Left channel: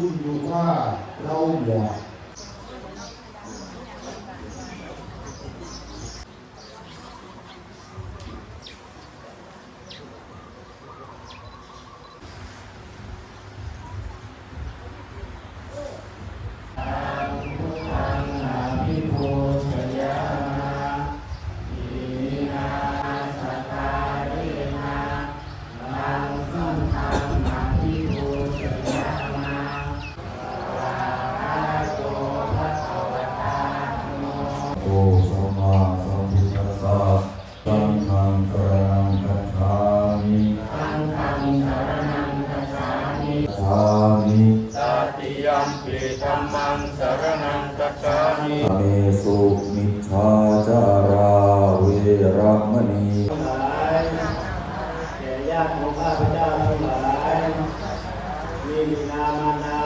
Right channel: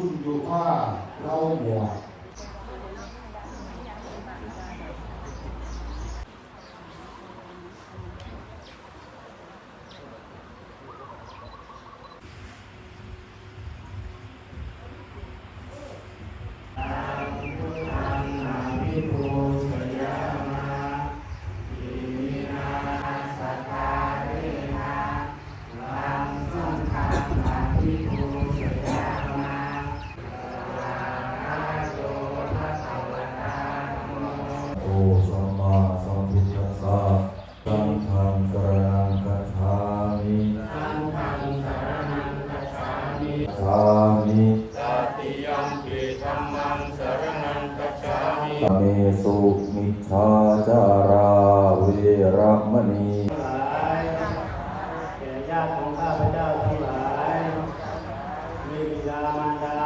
ขึ้นอยู่ว่าเราเหมาะโอสัมมาสัมพุทธัสสะสังฆังสรณังคัจฉามิสังฆังสรณังคัจฉามิสามิตติยัมปิธัมมังสรณังคัจฉามิอเนสุมิจฉาจาราเวรมณีแก่ญาติของข้าพเจ้าทั้งหลายมีบิดามารดา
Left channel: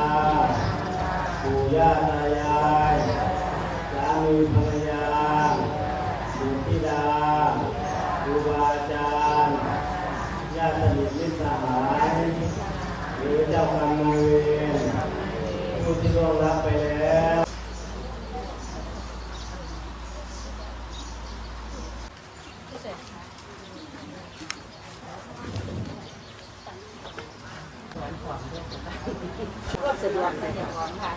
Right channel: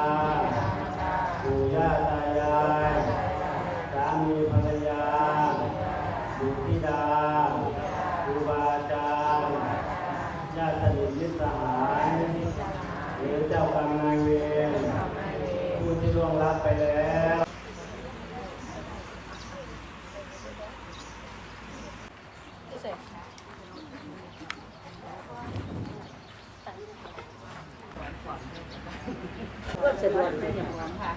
ปู่ย่าตายายสามีภรรยาบุตรธิดาครูบาอาจารย์ญาติสนิทมิตรสหายหรือเจ้ากรรมนายเวรผู้ที่ล่วงลับไปแล้วรวบสะดวกเลยค่ะ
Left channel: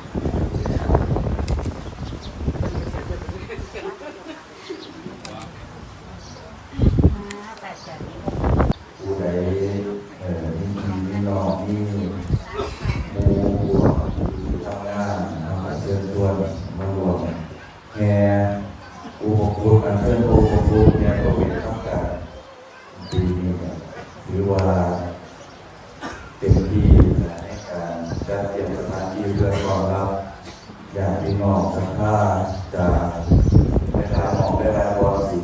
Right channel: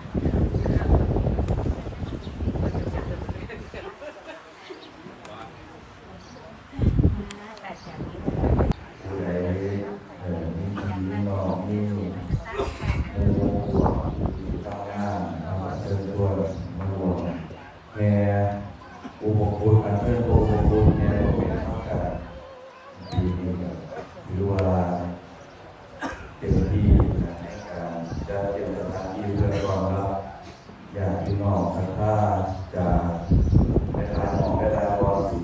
ผู้ใดมีน้องมีผู้ทำงานเชิญชวนมารวมแง่อุปกรณ์การเชิญอุปกรณ์แง่ตัวเป็นต้องการปีนี้หรือว่าเต็มที่ในการจัดเตรียมสถานที่เพื่อรองรับญาติพี่น้องศรัทธาจากในทางของได้รับวัสิ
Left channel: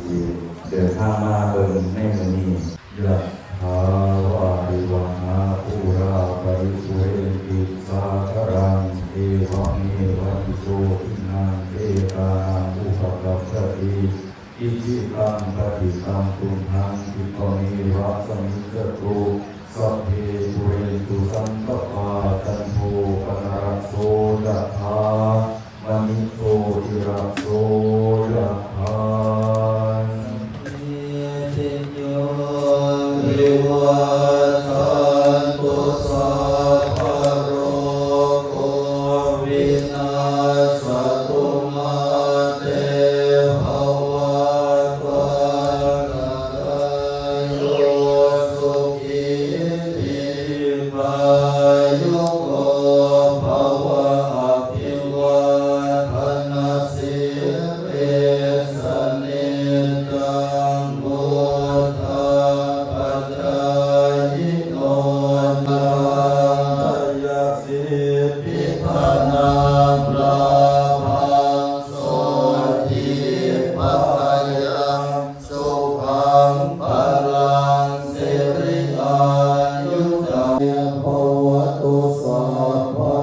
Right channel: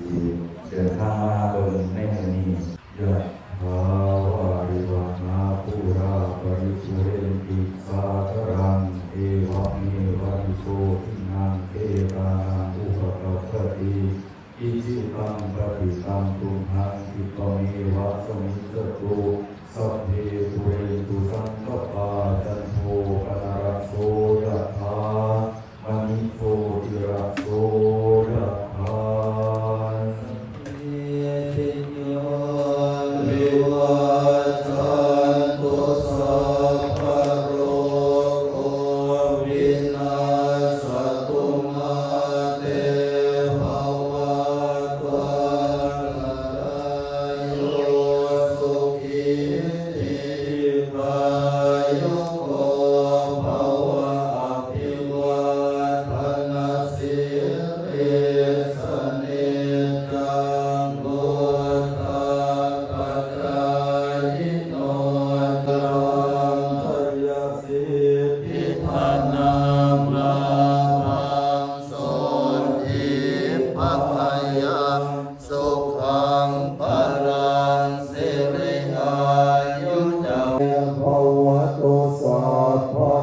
เดินทางมาเบิ่งในวันนี้ยะถาวาริวังอาภูราปริปุเรนติสาครังเอวะเมวะอิโตทินังเตตานังอุปกัปปติอิจิตังปฏิตังตุมหังทิปะเมวะสมิจจตุสัพเพปุเรนตุสังกปาจันโทปนรสโสยะถามณิโสติระโสยะถาภวตุสัพพะ